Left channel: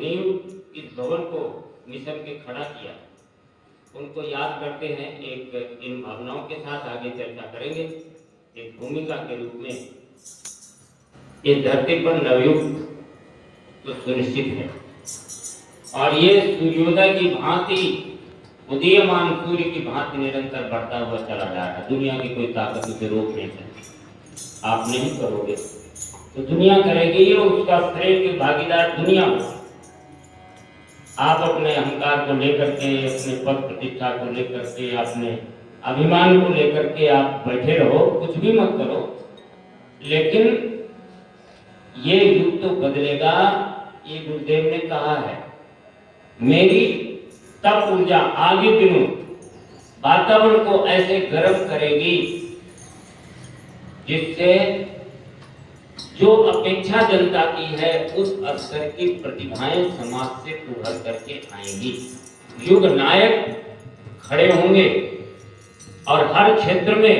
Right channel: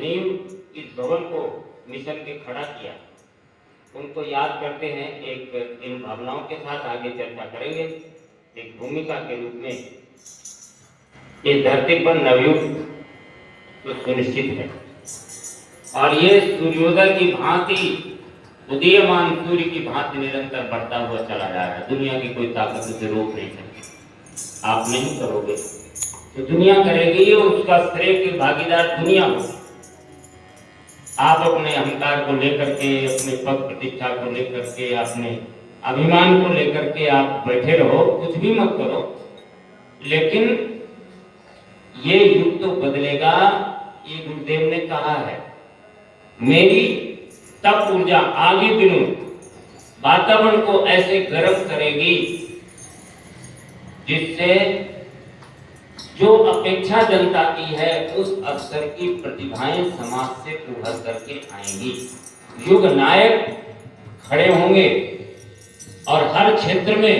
नींव इस भवन को मिशन के खड़ा किया, उनको याद करते हैं। एक इन भावनाओं के साथ आगे चर्चा करेंगे। एक भूमिका के रूप में इस धरती पर नवयुग तो सुनिश्चित है, और ये सूर्योदय की भांति, उदीयमान सूर्य की भांति निरंतर बढ़ता हुआ चला जा रहा है। दुनिया की कोई ताकत उसे रोक नहीं सकती। आप नहीं करोगे तो दुनिया करेगी, और उसका श्रेय की भागीदार दुनिया हो। आप अपने अहंकार को लेकर के, अपने पद प्रतिष्ठा को लेकर के, अपने अभिमान को लेकर के आप बैठे रहो, कुछ भी मत करो, लेकिन ये युग तो बदलेगा। ये गुरुदेव ने कहा है, मेरी तप ऊर्जा आगे दिनों वातावरण को ऐसे गर्म करेगी जिससे जो अपेक्षा जनता की है उस स्तर की प्रतिभाएं समाज से उभर करके आएंगी। युग नायक खड़े होंगे और हर क्षेत्र में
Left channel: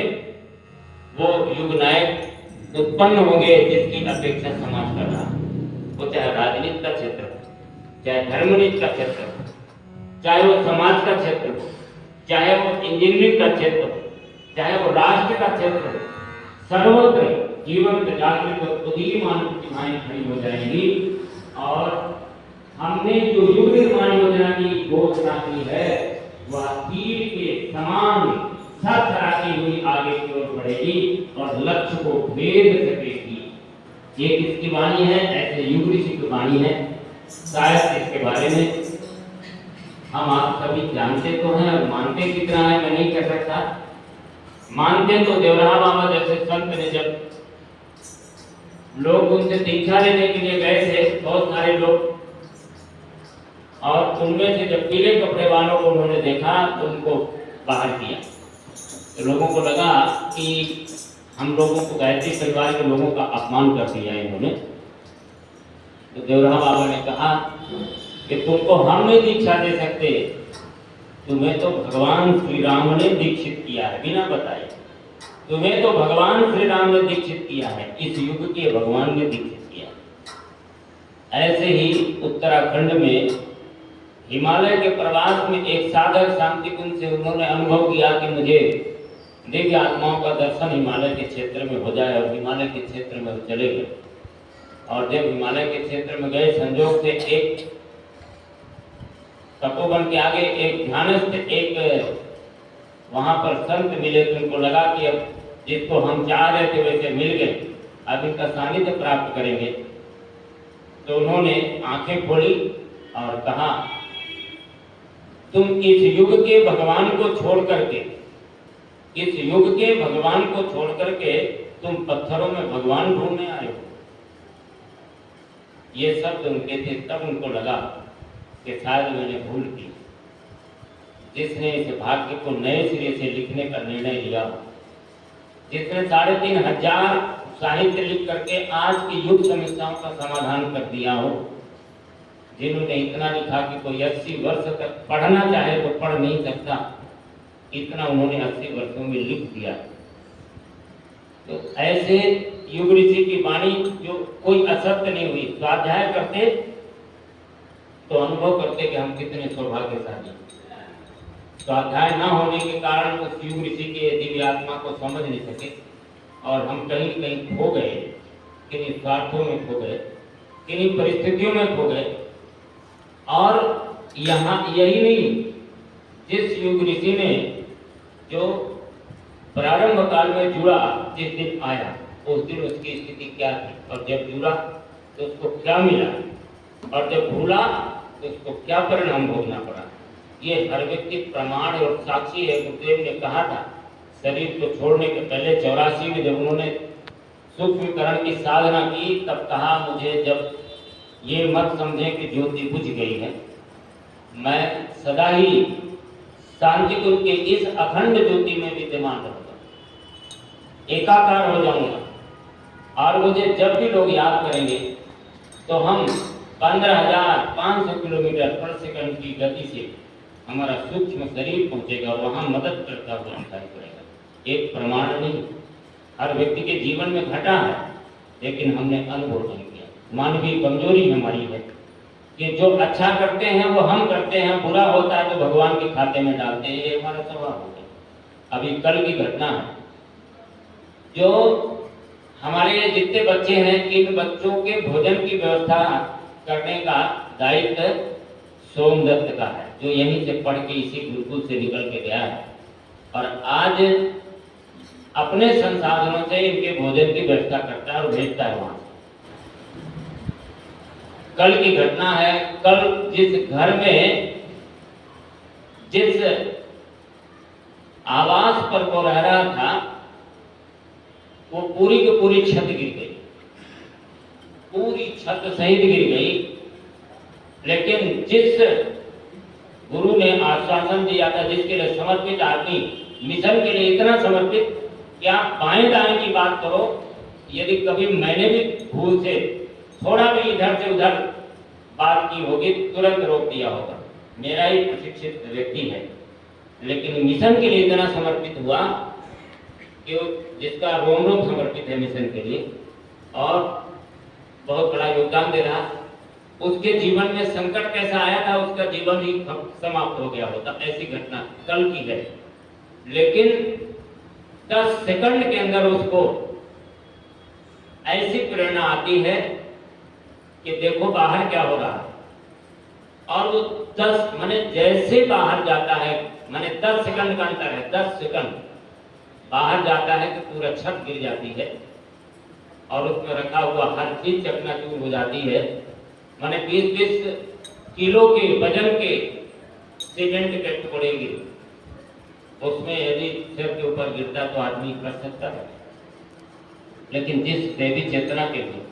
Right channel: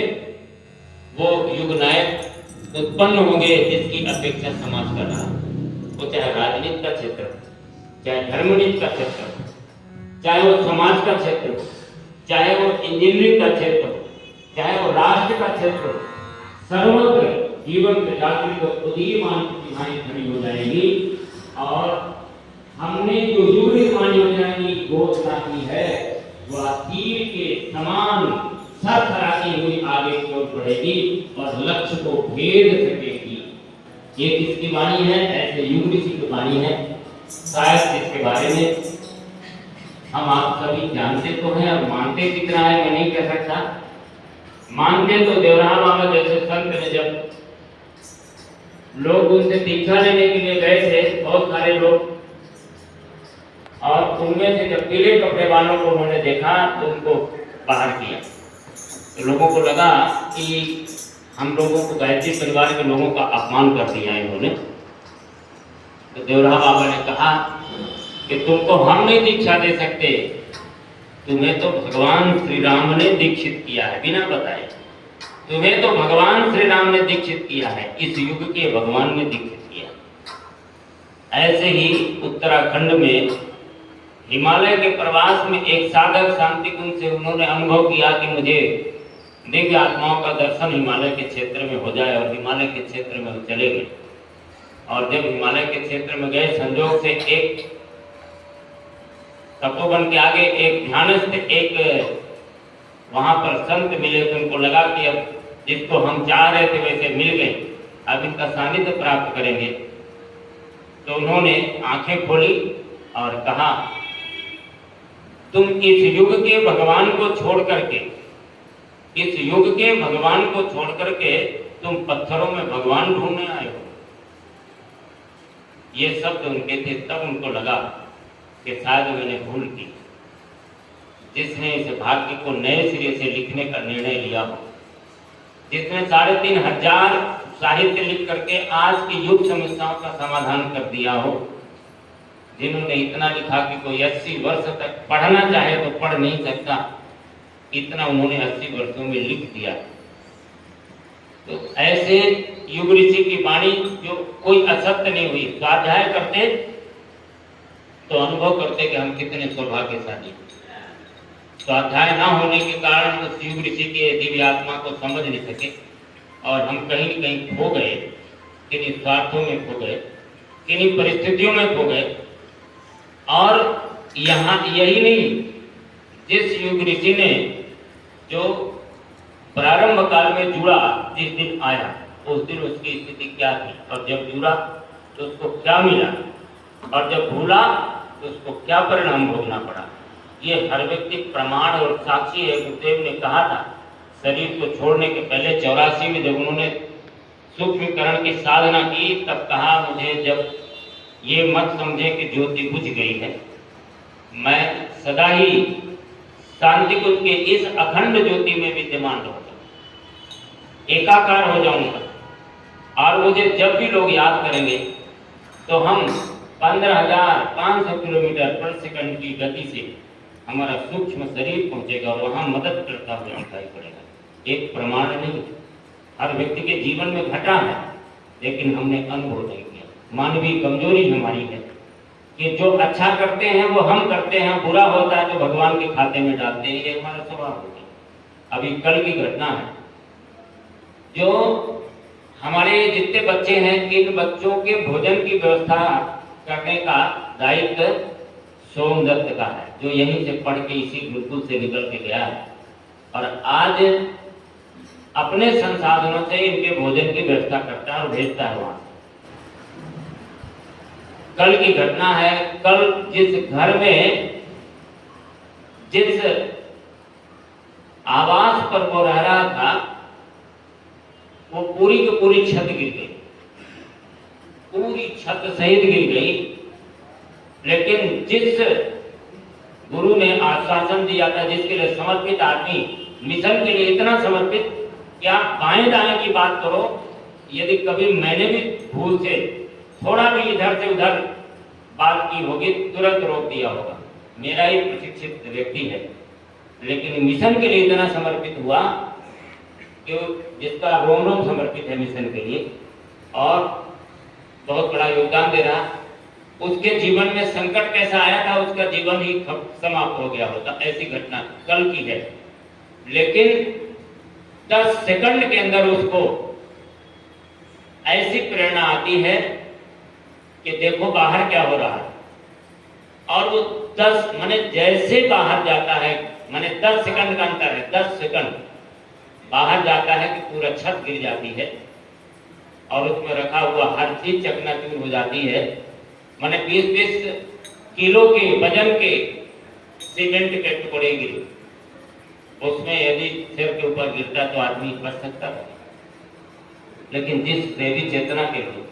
वो युग नायक उत्पन्न होंगे जिसकी अपेक्षा समाज कर रहा है। वो चाहे राजनीति का क्षेत्र हो, चाहे धर्मनीति का क्षेत्र हो, चाहे वो समाज का क्षेत्र हो, चाहे वो इंजीनियरिंग का क्षेत्र हो, चाहे वो राष्ट्र का क्षेत्र हो, सर्वत्र जीवन जागृत उदीयमान प्रतिभाएं खड़ी हो जाएंगी। और हमने जो युग निर्माण योजना की घोषणा की है वह तीर के समान सरसराती हुई आगे की ओर बढ़ेगी और लक्ष्य को भेद सकेगी। ये किसकी वाणी है? ऐसे युग ऋषि की वाणी है। शायद इसके बारे में हम आप सभी जानते तो हैं, और मानते कितना है मैं नहीं कह सकता। मानते तो देवराहा बाबा जैसे संत ने, जब लोग उनसे दीक्षा लेने के लिए गए थे, बहुत सारे लोग, और उनमें से जब पीले कपड़े वालों को उन्होंने देखा तो उनको बाहर किया। तो लोगों को लगा कि हम लोगों को, गायत्री परिवार के लोगों का अपमान कर दिया इन्होंने। तो देवराहा बाबा ने कहा कि तुमको हम नहीं दीक्षा दे सकते, तुम्हें तो भगवान श्री राम ने दीक्षित किया है बिना बताए। तुम्हें तो भगवान श्री राम ने दीक्षित किया है, इस युग के भगवान ने दीक्षित किया। ऐसे ही उत्तराखंड में हिमालय के प्रवास में एक साधक शांति कुंज से उन्होंने अनुभव किया कि मुझे दिव्य आत्माओं का दर्शन हिमालय के क्षेत्र में हो जाए, और हिमालय के क्षेत्र में वो चले गए। और जब हिमालय के क्षेत्र में गए, संजोग से एक तपोवन के आगे एक ध्यानस्थ, एक वहां पर संत मिले। तो उनको लगा कि अब जिसको हम चाह रहे थे वैसे मिल गए, अब इनका सानिध्य प्राप्त करेंगे। तो उन्होंने आंखें खोली और कहा, तुम इस युग के भगवान को छोड़ करके, इस युग के भगवान को छोड़ करके तुम पत्थरों में भगवान ढूंढने आए हो। ये शब्द उनके थे। तब उनको लगा कि शायद मैंने भूल की। जिसने इस भाग्य को नए सिरे से लिखने का निर्णय लिया हो, जिसने 3500 साहित्य लिख करके आज की युग समस्याओं का समाधान कर दिया हो, जिन्होंने इतना लिखा कि कोई 80 वर्ष तक पढ़ना चाहे तो पढ़ नहीं सकता, इतना उन्होंने 80 वर्षों में लिख दिया। तो ऐसे युग ऋषि की वाणी, जो कोई असत्य नहीं हुई, स्वाध्याय करते तो अनुभव करते कि हम कितने सौभाग्यशाली। स्वाध्याय न होने के कारण उस युग ऋषि के दिव्य आत्मा को समझ नहीं सके, और हम कहीं कहीं खो गए, किन्हीं स्वार्थों में खो गए, किन्हीं परिस्थितियों में खो गए। और यहाँ यही नहीं, जिस युग ऋषि ने जो प्रारंभ काल में जुड़ा, जिस दिन आया उस दिन उसकी स्थिति क्या थी, और जब जुड़ा तो उसको क्या मिला, और जब भूला तो उसको क्या परिणाम भोगना पड़ा। ये हर व्यक्ति प्रमाण और साक्षी है। गुरुदेव ने कहा था, शरीर को छोड़ने के पहले 84 में जब उन्होंने सूक्ष्मीकरण की साधना की, तब कहा, मुझे जब ये मत समझे कि ज्योति बुझ गई है, मैं सदा ही शांति कुंज के इस अखंड ज्योति में विद्यमान रहूंगा, एकाकार हो जाऊंगा। और मुझे जब भी लोग याद करेंगे तो हम 15,500 किलोमीटर पर सेकंड की गति से हमारा सूक्ष्म शरीर पहुंचेगा और वहां मदद करता हुआ दिखाई पड़ेगा। एक प्रमाण नहीं, हर व्यक्ति के जीवन में घटा है, लेकिन हमने अनुभव नहीं किया। मानवीय कमजोरी हमारी है, कि जो अच्छा करते हैं वो हम करते हैं, बुरा होता है तो भगवान के खाते में डालते हैं, ये हमारा स्वभाव हो गया। अभी कल की घटना है, जो हमारे जितने बच्चे हैं, इन बच्चों के भोजन की व्यवस्था करने का दायित्व सोमदत्त का है, जो यहीं से पढ़ के इसी गुरुकुल से निकल के गया है और आज अपने संसाधनों से इनके भोजन की व्यवस्था करता है और भेजता है वहां। कल की घटना है, कल जिस घर में, जिस आवास पर वो रह रहा था, वो पूरी की पूरी छत गिर गई, पूरी छत सहित गिर गई। लेकिन जिस गुरु ने आश्वासन दिया था, जिसके लिए समर्पित आदमी, मिशन के लिए इतना समर्पित कि आप बाएं दाएं की बात करो, यदि कभी मैंने भी भूल से थोड़ा भी इधर से उधर बात की होगी, तुरंत रोक दिया होगा। मेरा ही प्रशिक्षित व्यक्ति है, लेकिन मिशन के लिए इतना समर्पित हुआ कि जिसका रोम रोम समर्पित है मिशन के लिए और बहुत बड़ा योगदान दे रहा। उसके जीवन में संकट कैसा आया था, उसका जीवन ही समाप्त हो गया होता। ऐसी घटना कल की है, लेकिन 10 सेकंड के अंदर उसको ऐसी प्रेरणा आती है कि देखो बाहर क्या हो रहा है, और वो 10 माने जैसे बाहर जाता है, माने 10 सेकंड का अंतर है, 10 सेकंड बाहर जाता है कि पूरा छत गिर जाती है और उसमें रखा हुआ हर चीज चकनाचूर हो जाती है। माने 20-20 किलो के वजन के सीमेंट के टुकड़े गिरे, उसमें यदि सिर के ऊपर गिरता तो आदमी बच सकता था, लेकिन जिस देवी चेतना के लिए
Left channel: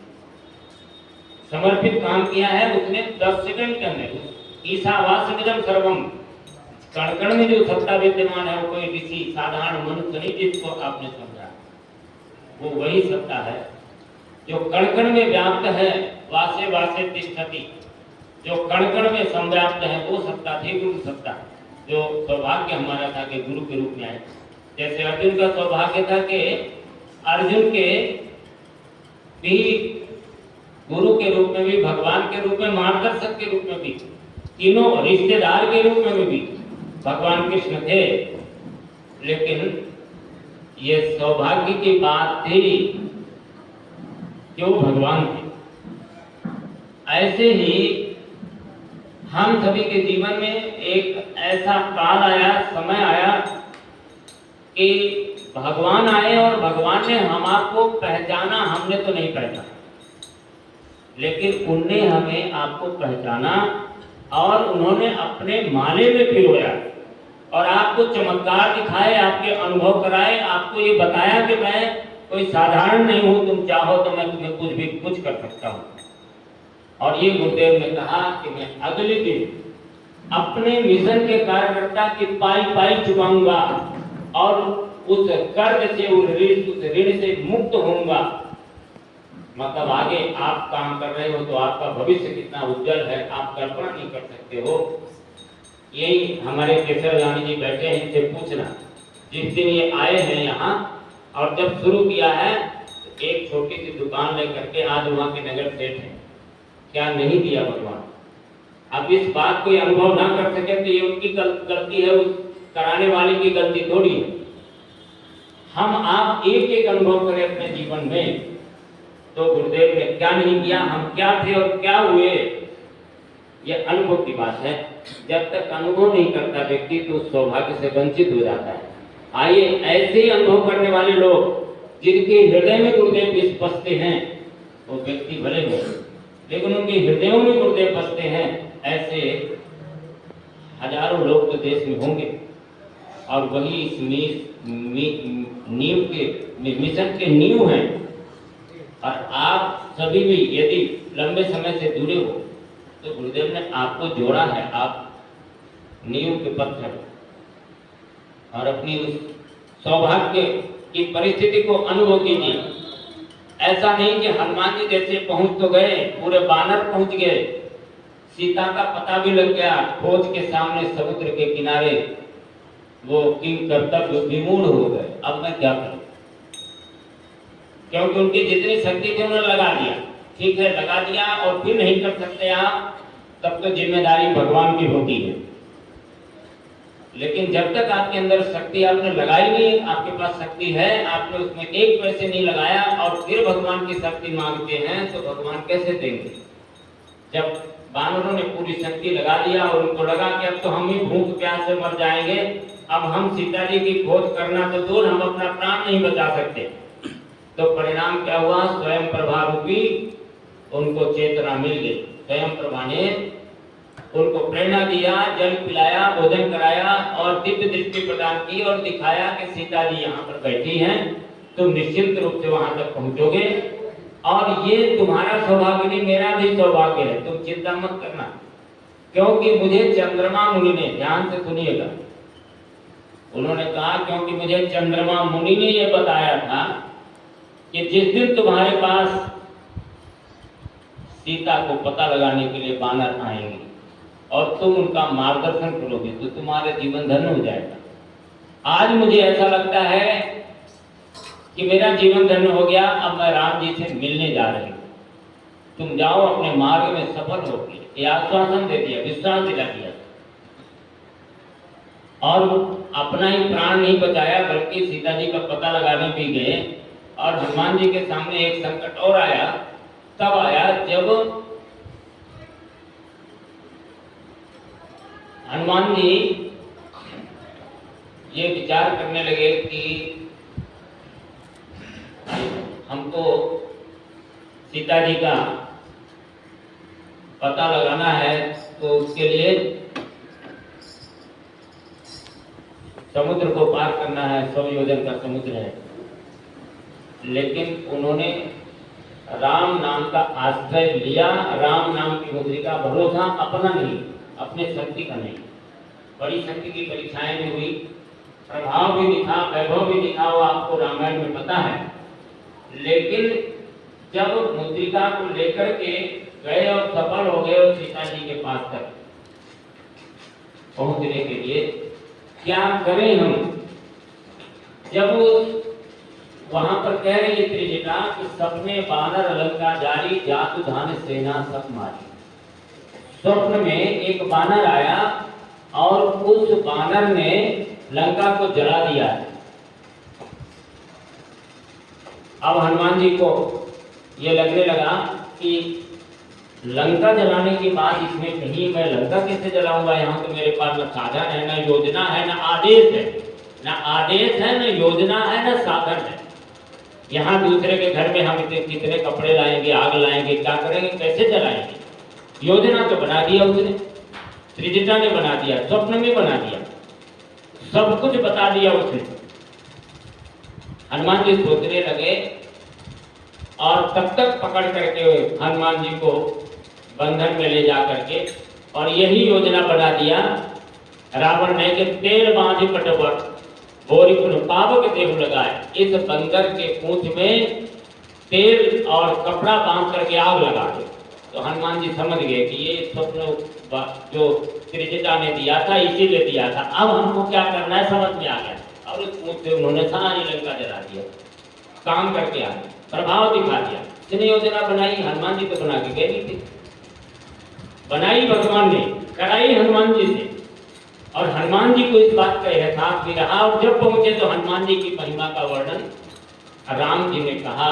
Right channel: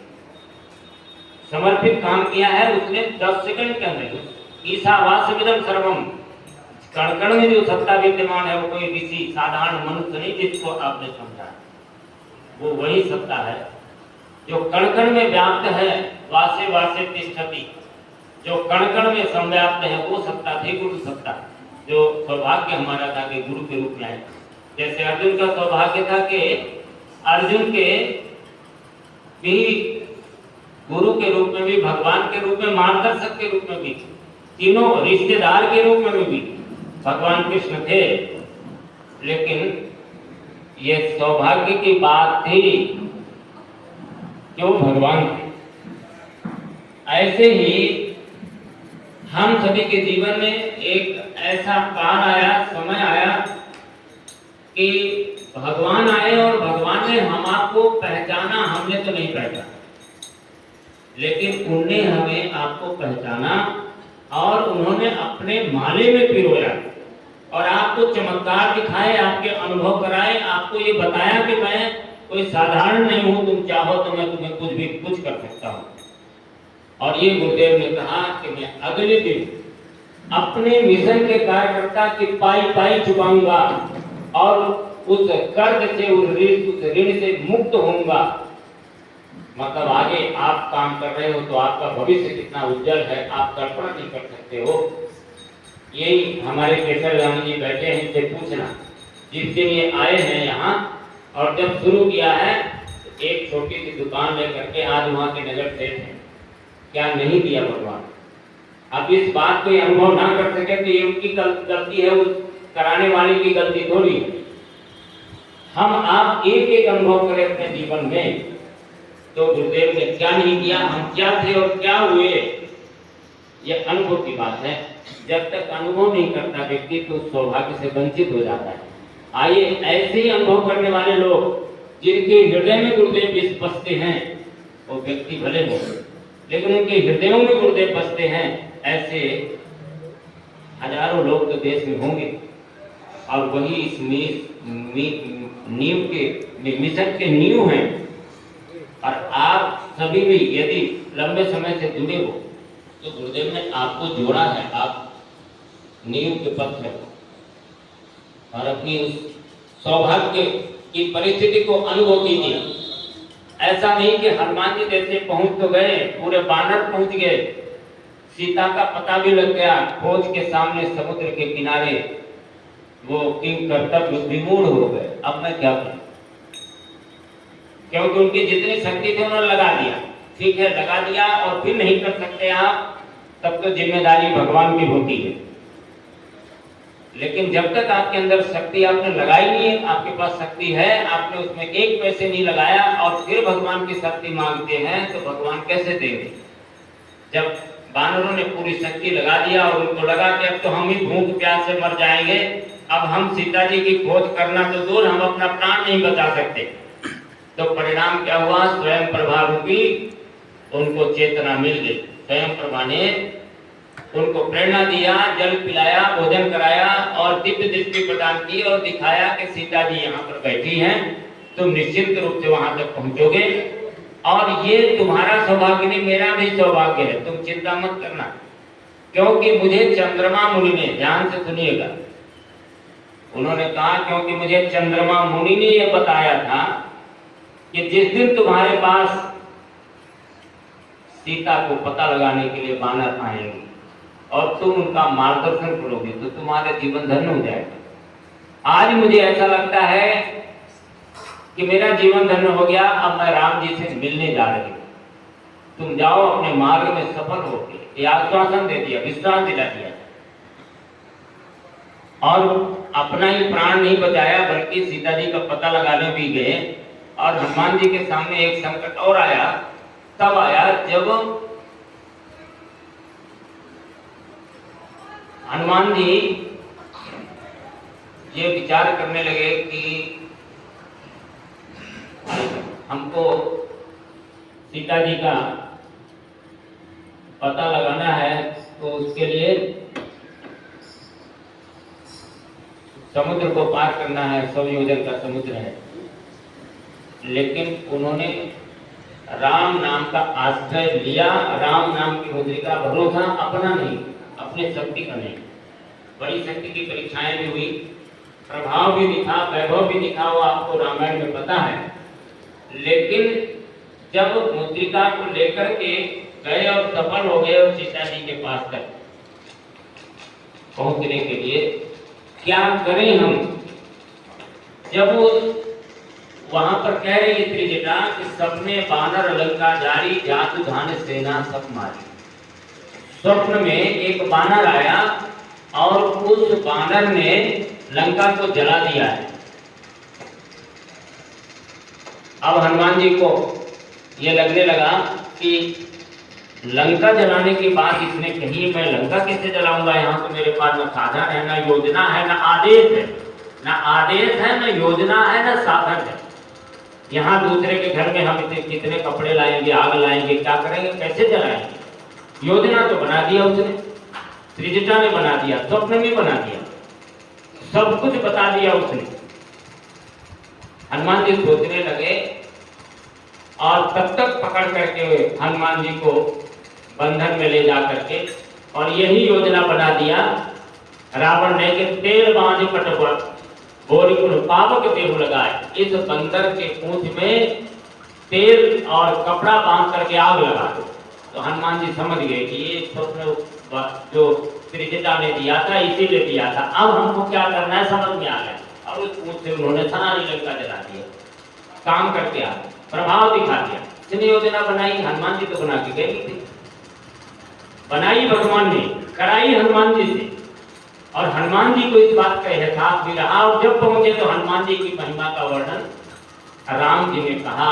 समर्पित काम किया है, उसने 10 सेकंड के अंदर ईशावास्यमिदं सर्वम, कण-कण में जो सत्ता विद्यमान है, वो कोई किसी साधारण मनुष्य नहीं जिसको आपने समझा, वो वही सत्ता है जो कण-कण में व्याप्त है। वासे वासे तिष्ठति, जो कण-कण में संव्याप्त है, वो सत्ता थी गुरु सत्ता, जो सौभाग्य हमारा था कि गुरु के रूप में आए। जैसे अर्जुन का सौभाग्य था कि अर्जुन के भी गुरु के रूप में भी, भगवान के रूप में, मार्गदर्शक के रूप में भी, तीनों रिश्तेदार के रूप में भी भगवान कृष्ण थे। लेकिन ये सौभाग्य की बात थी कि वो भगवान थे। ऐसे ही हम सभी के जीवन में एक ऐसा काल आया, समय आया कि भगवान आए और भगवान ने हम आपको पहचाना, हमने तो नहीं पहचाना, लेकिन उनने हमें आपको पहचाना और उन्होंने अपने माले में पिरोया और आपको चमत्कार दिखाए, आपके अनुभव कराए, आपको ये बताया कि मैं कोई साधारण नहीं हूं, तुम चाहो तो मैं तुम्हें कुछ भी कुछ कर सकता हूं। और ये गुरुदेव ने कहा कि मैं अगले दिन अपने मिशन के कार्यकर्ता की पाई पाई चुकाऊंगा और उस कर्ज से, उस ऋण से मुक्त होऊंगा। मतलब आगे आप काम कर रहे हो तो आपका भविष्य कितना उज्जवल है, आप कल्पना नहीं कर सकते हो। यही हमारे केसर रानी जी बैठे हैं, इनसे पूछना, जिस दिन ये आए हैं यहाँ और जब शुरू किया है तो एक छोटी सी दुकान लेकर के आज वहाँ के नगर सेठ हैं, क्या नहीं दिया भगवान। अब इस बात को अनुभव ना कर सके तो ये उनकी गलती है, उस कराने वाले की गलती थोड़ी है। हम आप एक एक अनुभव करें अपने जीवन में तो गुरुदेव ने क्या नहीं किया, हम क्या थे और क्या हुए, ये अनुभव की बात है। जब तक अनुभव नहीं करता व्यक्ति तो सौभाग्य से वंचित हो जाता है। आइए ऐसे ही अनुभव करने वाले लोग जिनके हृदय में गुरुदेव बसते हैं, वो व्यक्ति भले हो लेकिन उनके हृदयों में गुरुदेव बसते हैं, ऐसे हजारों लोग तो देश में होंगे। और वही इस नींव के मिशन के नींव हैं। और आप सभी भी यदि लंबे समय से जुड़े हो तो गुरुदेव ने आपको जोड़ा है, आप नींव के पत्थर और अपनी उस सौभाग्य की परिस्थिति को अनुभव कीजिए। ऐसा नहीं कि हनुमान जी जैसे पहुंच तो गए, पूरे बानर पहुंच गए, सीता का पता भी लग गया, खोज के सामने समुद्र के किनारे वो किंग कर्तव्य विमूढ़ हो गए, अब मैं क्या करूं, क्योंकि उनकी जितनी शक्ति थी उन्होंने लगा दिया। ठीक है, लगा दिया और फिर नहीं कर सकते आप तब तो जिम्मेदारी भगवान की होती है। लेकिन जब तक आपके अंदर शक्ति आपने लगाई नहीं, आपके पास शक्ति है, आपने उसमें एक पैसे नहीं लगाया और फिर भगवान की शक्ति मांगते हैं तो भगवान कैसे देंगे? जब वानरों ने पूरी शक्ति लगा दिया और उनको लगा कि अब तो हम ही भूख प्यास से मर जाएंगे, अब हम सीता जी की खोज करना तो दूर, हम अपना प्राण नहीं बचा सकते, तो परिणाम क्या हुआ? स्वयं प्रभा रूपी उनको चेतना मिल गई। स्वयं प्रभा ने उनको प्रेरणा दिया, जल पिलाया, भोजन कराया और दिव्य दृष्टि प्रदान की और दिखाया कि सीता जी यहाँ पर बैठी हैं, तुम निश्चित रूप से वहां तक पहुंचोगे और ये तुम्हारा सौभाग्य नहीं, मेरा भी सौभाग्य है, तुम चिंता मत करना। क्योंकि मुझे चंद्रमा मुनि ने, ध्यान से सुनिएगा, उन्होंने कहा क्योंकि मुझे चंद्रमा मुनि ने यह बताया था कि जिस दिन तुम्हारे पास सीता को पता लगाने के लिए वानर आएंगे और तुम उनका मार्गदर्शन करोगे तो तुम्हारा जीवन धन्य हो जाएगा। आज मुझे ऐसा लगता है कि मेरा जीवन धन्य हो गया, अब मैं राम जी से मिलने जा रही हूँ, तुम जाओ अपने मार्ग में सफल हो। ये आश्वासन दे दिया, विश्वास दिला दिया और अपना ही प्राण नहीं बचाया बल्कि सीता जी का पता लगाने भी गए। और हनुमान जी के सामने एक संकट और आया, तब आया जब हनुमान जी ये विचार करने लगे कि हमको सीता जी का पता लगाना है, तो उसके लिए समुद्र को पार करना है, 100 योजन का समुद्र है। लेकिन उन्होंने राम नाम का आश्रय लिया, राम नाम की मुद्रिका, भरोसा अपना नहीं, अपने शक्ति का नहीं। बड़ी शक्ति की परीक्षाएं भी हुई, प्रभाव भी दिखा, वैभव भी दिखा, वो आपको रामायण में पता है। लेकिन जब मुद्रिका को लेकर के गए और सफल हो गए और सीता जी के पास तक पहुंचने के लिए क्या करें हम? जब वहां पर कह रही त्रिजटा कि सबने बानर लंका जारी, जातु धान सेना सब मारी। स्वप्न में एक बानर आया और उस बानर ने लंका को जला दिया है। अब हनुमान जी को ये लगने लगा कि लंका जलाने की बात इसने कही, मैं लंका कैसे जलाऊंगा? यहाँ तो मेरे पास न साधन है, न योजना है, न आदेश है, न आदेश है, न योजना है, न साधन है। यहाँ दूसरे के घर में हम इतने कितने कपड़े लाएंगे, आग लाएंगे, क्या करेंगे, कैसे जलाएंगे? योजना तो बना दिया उसने, त्रिजटा ने बना दिया, स्वप्न में बना दिया, सब कुछ बता दिया उसने। हनुमान जी सोचने लगे और तब तक पकड़ करके हनुमान जी को बंधन में ले जा करके और यही योजना बना दिया रावण ने कि तेल बांध कटवर बोरी पावक देव लगाए। इस बंदर के पूंछ में तेल और कपड़ा बांध करके आग लगा दो। तो हनुमान जी समझ गए कि ये स्वप्न जो त्रिजटा ने दिया था इसीलिए दिया था, अब हमको क्या करना है समझ में आ गया। और उस पूंछ से उन्होंने सारी लंका जला दिया, काम करके आ गए, प्रभाव दिखा दिया। जितनी योजना बनाई हनुमान जी तो बना के गए थे, बनाई भगवान ने, कराई हनुमान जी से, और हनुमान जी को इस बात का एहसास भी रहा। और जब पहुंचे तो हनुमान जी की महिमा का वर्णन राम जी ने कहा,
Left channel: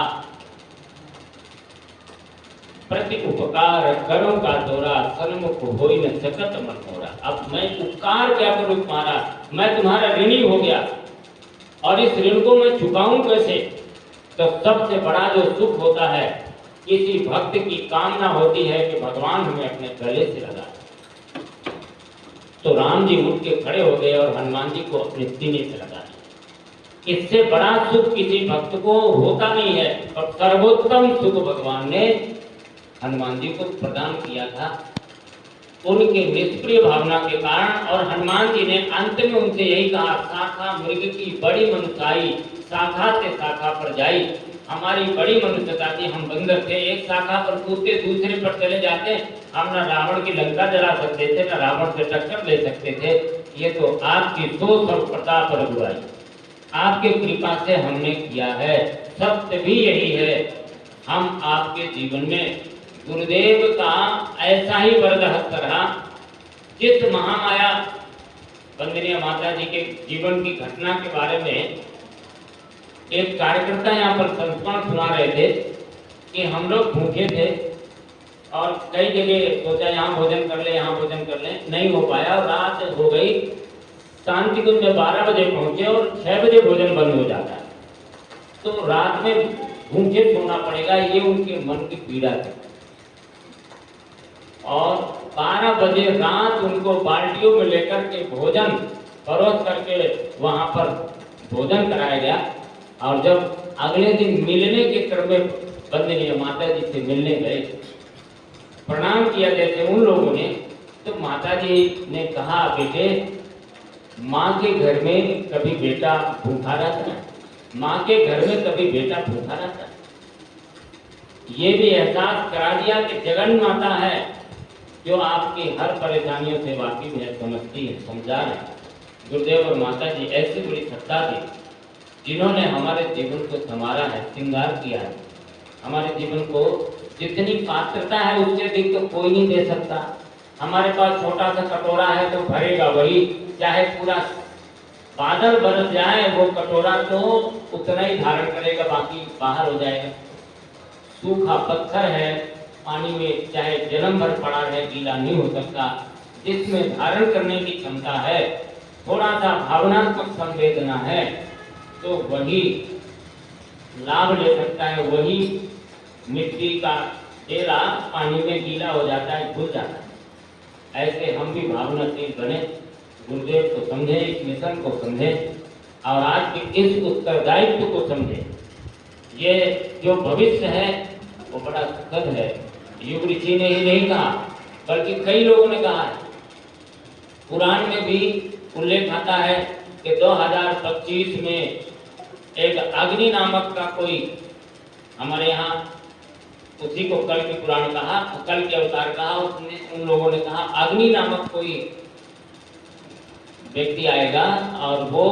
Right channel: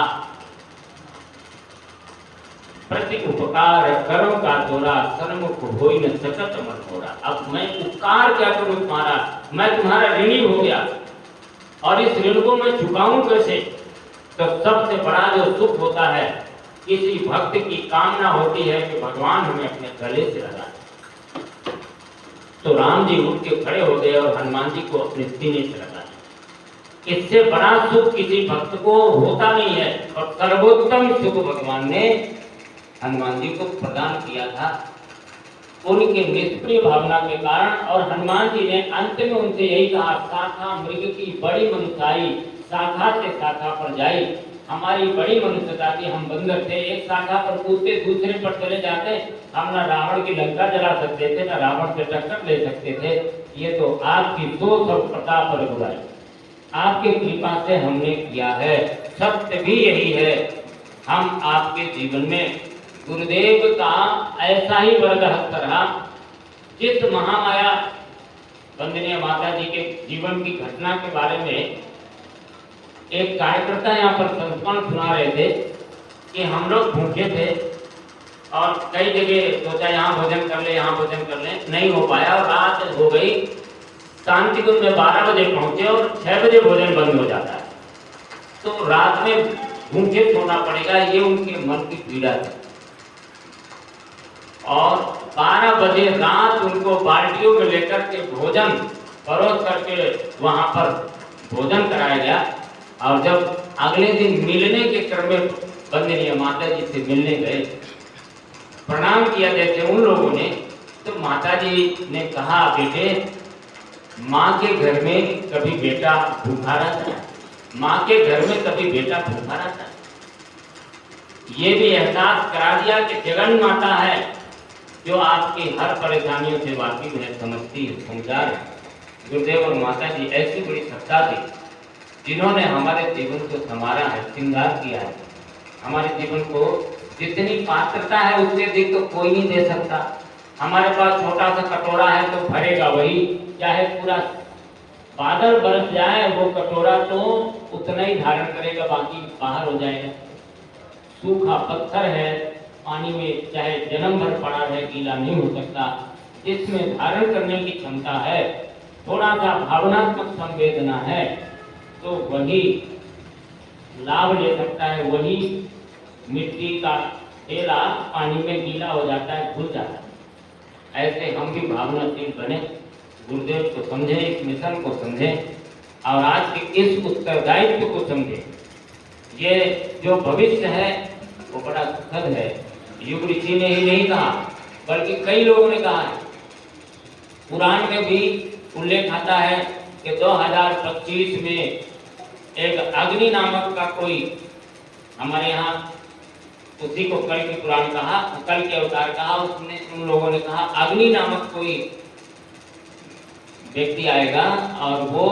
प्रति उपकार करो का तोरा, सन्मुख होई न सकत मन होरा। अब मैं उपकार क्या करूं तुम्हारा, मैं तुम्हारा ऋणी हो गया और इस ऋण को मैं चुकाऊं कैसे? तो सबसे बड़ा जो सुख होता है, किसी भक्त की कामना होती है कि भगवान हमें अपने गले से लगा। तो राम जी उठ के खड़े हो गए और हनुमान जी को अपने सीने से लगा। इससे बड़ा सुख किसी भक्त को होता नहीं है और सर्वोत्तम सुख भगवान ने हनुमान जी को प्रदान किया था उनके निष्क्रिय भावना के कारण। और हनुमान जी ने अंत में उनसे यही कहा, शाखा मृग की बड़ी मनुष्याई, शाखा से शाखा पर जाई। हमारी बड़ी मनुष्यता थी, हम बंदर थे, एक शाखा पर कूदते दूसरे पर चले जाते, हम न रावण की लंका जला सकते थे, न रावण से टक्कर ले सकते थे। ये तो आपकी सोच और प्रताप और बुराई, आपकी कृपा से हमने किया है। सत्य भी यही है, हम आपके जीवन में गुरुदेव का ऐसा ही वरदहस्त रहा। जिस महामाया वंदनीय माता जी के जीवन की घटना के बारे में एक कार्यकर्ता यहाँ पर संस्मरण सुना रहे थे कि हम लोग भूखे थे और कई जगह सोचा यहाँ भोजन कर ले, यहाँ भोजन कर ले, नहीं हो पाया और रात हो गई। शांति कुंज में 12 बजे पहुंचे और 6 बजे भोजन बंद हो जाता है, तो रात में भूखे सोना पड़ेगा, ये उनके मन की पीड़ा थी। और 12 बजे रात उनको बाल्टियों में लेकर के भोजन परोस करके वहां पर भोजन कराया गया। और जब अगले दिन मिलने के क्रम में वंदनीय माता जी से मिलने गए, प्रणाम किया जैसे उन लोगों ने, तो माता जी ने कहा, बेटे, माँ के घर में कभी बेटा भूखा रहता है, माँ के घर में कभी बेटा भूखा रहता है। ये भी एहसास करा दिया कि जगन माता है जो आपकी हर परेशानियों से वाकिफ है, समझती है, समझा है। गुरुदेव और माता जी ऐसी बड़ी सत्ता थी जिन्होंने हमारे जीवन को संवारा है, श्रृंगार किया है। हमारे जीवन को जितनी पात्रता है उससे अधिक तो कोई नहीं दे सकता। हमारे पास छोटा सा कटोरा है तो भरेगा वही, चाहे पूरा बादल बरस जाए वो कटोरा तो उतना ही धारण करेगा, बाकी बाहर हो जाएगा। सूखा पत्थर है, पानी में चाहे जन्म भर पड़ा रहे, गीला नहीं हो सकता। जिसमें धारण करने की क्षमता है, थोड़ा सा भावनात्मक संवेदना है, तो वही लाभ ले सकता है। वही मिट्टी का थैला पानी में गीला हो जाता है, घुल जाता है। ऐसे हम भी भावनाशील बने, गुरुदेव को समझें, इस मिशन को समझें और आज के इस उत्तरदायित्व को समझें। ये जो भविष्य है वो बड़ा सुखद है। युग ऋषि ने ही नहीं कहा, बल्कि कई लोगों ने कहा है। पुराण में भी उल्लेख आता है कि 2025 में एक अग्नि नामक का कोई, हमारे यहाँ उसी को कल के पुराण कहा, कल के अवतार कहा, उसने उन लोगों ने कहा अग्नि नामक कोई व्यक्ति आएगा और वो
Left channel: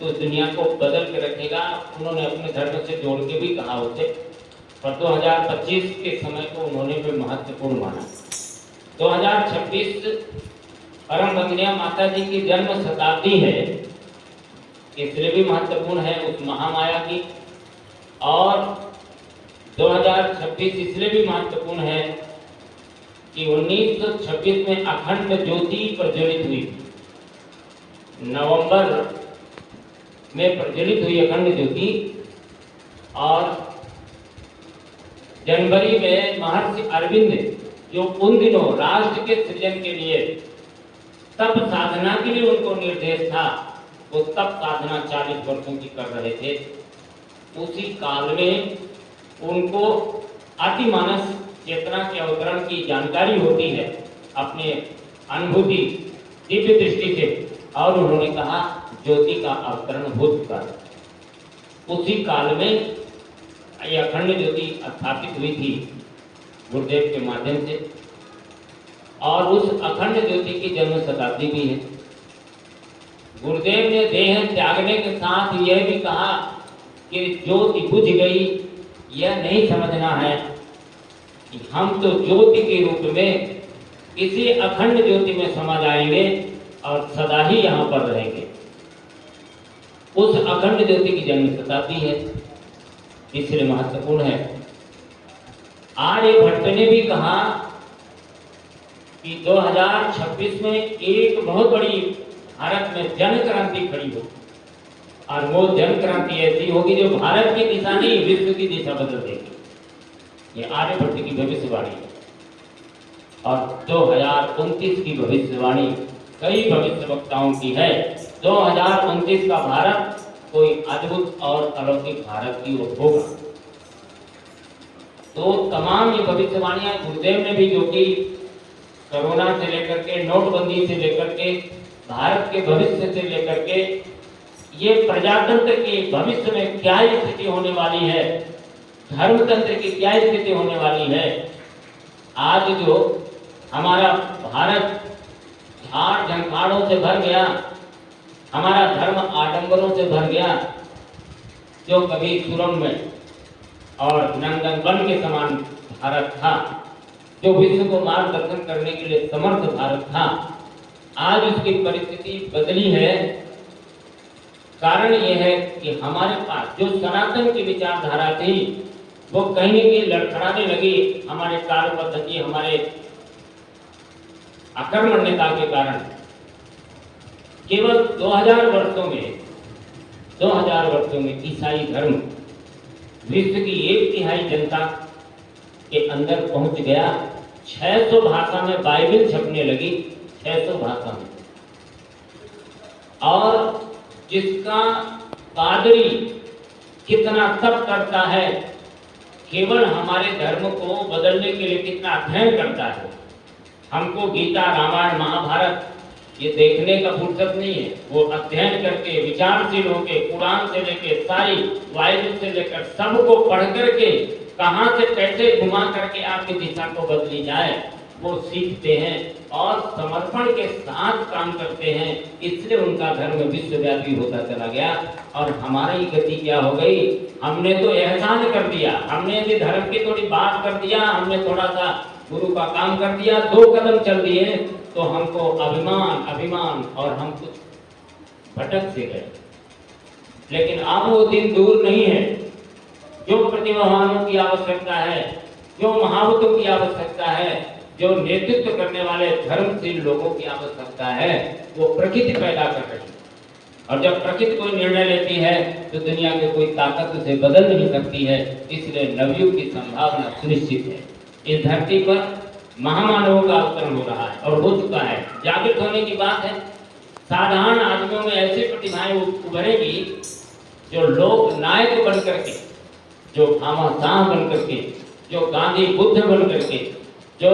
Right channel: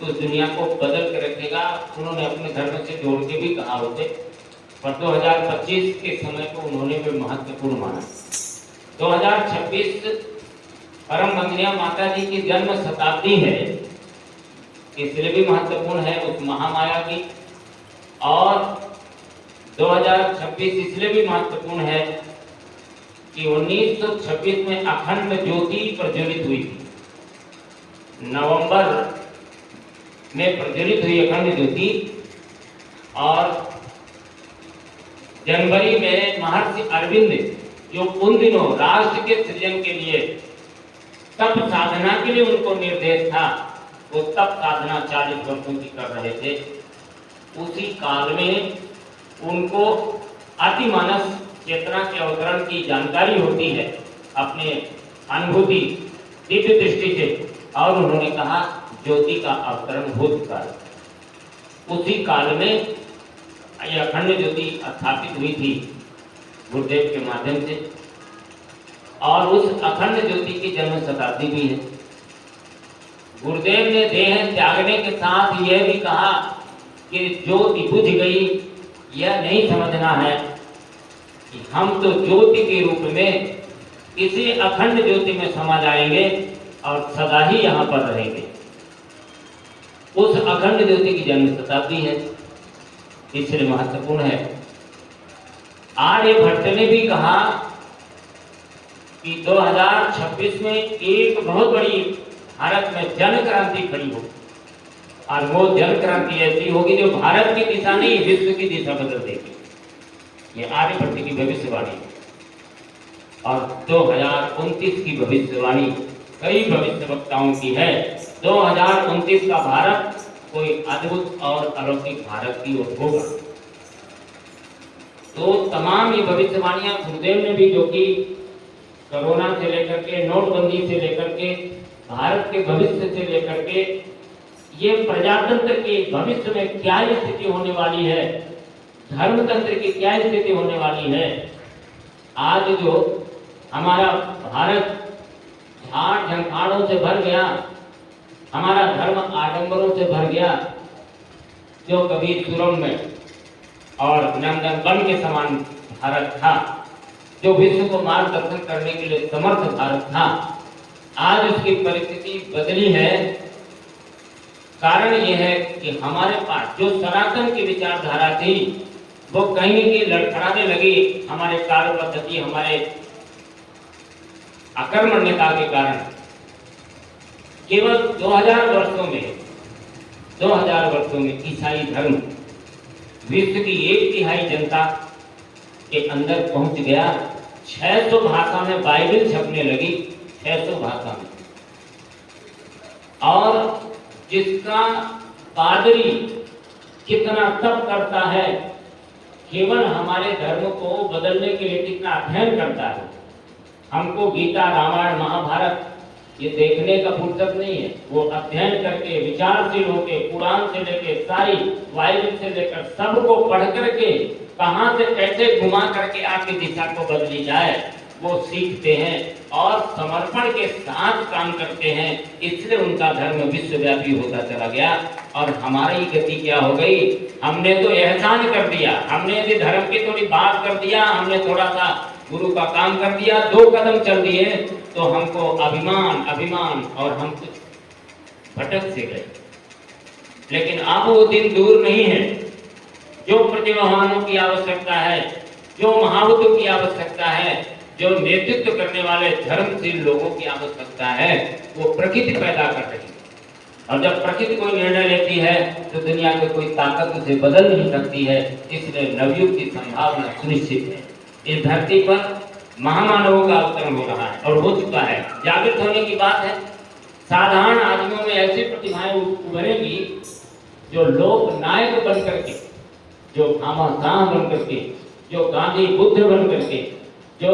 तो दुनिया को बदल के रखेगा। उन्होंने अपने धर्म से जोड़ के भी कहा उसे, पर 2025 के समय को उन्होंने भी महत्वपूर्ण माना। 2026 परम वंदनीय माता जी की जन्म शताब्दी है, इसलिए भी महत्वपूर्ण है उस महामाया की। और 2026 इसलिए भी महत्वपूर्ण है कि 1926 में अखंड ज्योति प्रज्वलित हुई थी। नवंबर में प्रज्वलित हुई अखंड ज्योति और जनवरी में महर्षि अरविंद, जो उन दिनों राष्ट्र के सृजन के लिए तप साधना के लिए उनको निर्देश था, वो तप साधना 40 वर्षों की कर रहे थे। उसी काल में उनको अतिमानस चेतना के अवतरण की जानकारी होती है अपने अनुभूति दिव्य दृष्टि से, और उन्होंने कहा ज्योति का अवतरण हो चुका है। उसी काल में यह अखंड ज्योति स्थापित हुई थी गुरुदेव के माध्यम से, और उस अखंड ज्योति की जन्म शताब्दी भी है। गुरुदेव ने देह त्यागने के साथ यह भी कहा कि ज्योति बुझ गई, यह नहीं समझना है कि हम तो ज्योति के रूप में किसी अखंड ज्योति में समा जाएंगे और सदा ही यहाँ पर रहेंगे। उस अखंड ज्योति की जन्म शताब्दी है, इसलिए महत्वपूर्ण है। आर्यभट्ट ने भी कहा कि 2026 में एक बहुत बड़ी भारत में जन क्रांति खड़ी हो, और वो जन क्रांति ऐसी होगी जो भारत की दिशा नहीं, विश्व की दिशा बदल देगी। ये आर्यभट्ट की भविष्यवाणी है। और 2029 की भविष्यवाणी कई भविष्य वक्ताओं की है। 2029 का भारत कोई अद्भुत और अलौकिक भारत की ओर होगा। तो तमाम ये भविष्यवाणियां गुरुदेव ने भी, जो कि कोरोना से लेकर के, नोटबंदी से लेकर के, भारत के भविष्य से लेकर के, ये प्रजातंत्र के भविष्य में क्या स्थिति होने वाली है, धर्मतंत्र की क्या स्थिति होने वाली है। आज जो हमारा भारत झाड़ झंखाड़ों से भर गया, हमारा धर्म आडंबरों से भर गया, जो कभी सुरंग में और नंदन वन के समान भारत था, जो विश्व को मार्गदर्शन करने के लिए समर्थ भारत था, आज उसकी परिस्थिति बदली है। कारण यह है कि हमारे पास जो सनातन की विचारधारा थी वो कहीं न कहीं लड़खड़ाने लगी हमारे कार्य पद्धति, हमारे अकर्मण्यता के कारण। केवल 2000 वर्षों में ईसाई धर्म विश्व की 1/3 जनता के अंदर पहुंच गया। 600 भाषा में बाइबल छपने लगी, 600 भाषा में। और जिसका पादरी कितना तप करता है, केवल हमारे धर्म को बदलने के लिए कितना अध्ययन करता है। हमको गीता, रामायण, महाभारत ये देखने का फुर्सत नहीं है। वो अध्ययन करके, विचारशील होके, कुरान से लेके सारी बाइबल से लेकर सबको पढ़ करके कहां से कैसे घुमा करके आपकी दिशा को बदली जाए वो सीखते हैं और समर्पण के साथ काम करते हैं। इसलिए उनका धर्म विश्वव्यापी होता चला गया। और हमारी गति क्या हो गई? हमने तो एहसान कर दिया, हमने यदि धर्म की थोड़ी बात कर दिया, हमने थोड़ा सा गुरु का काम कर दिया, 2 कदम चल दिए तो हमको अभिमान और हम कुछ भटक से गए। लेकिन अब वो दिन दूर नहीं है। जो प्रतिभावानों की आवश्यकता है, जो महावतों की आवश्यकता है, जो नेतृत्व करने वाले धर्मशील लोगों की आवश्यकता है, वो प्रकृति पैदा कर रही है। और जब प्रकृति कोई निर्णय लेती है तो दुनिया की कोई ताकत उसे बदल नहीं सकती है। इसलिए नवयुग की संभावना सुनिश्चित है। इस धरती पर महामानवों का अवतरण हो रहा है और हो चुका है। जागृत होने की बात है। साधारण आदमियों में ऐसी प्रतिभाएं उभरेगी जो लोक नायक बन करके, जो घमासान बन करके, जो गांधी बुद्ध बन करके, जो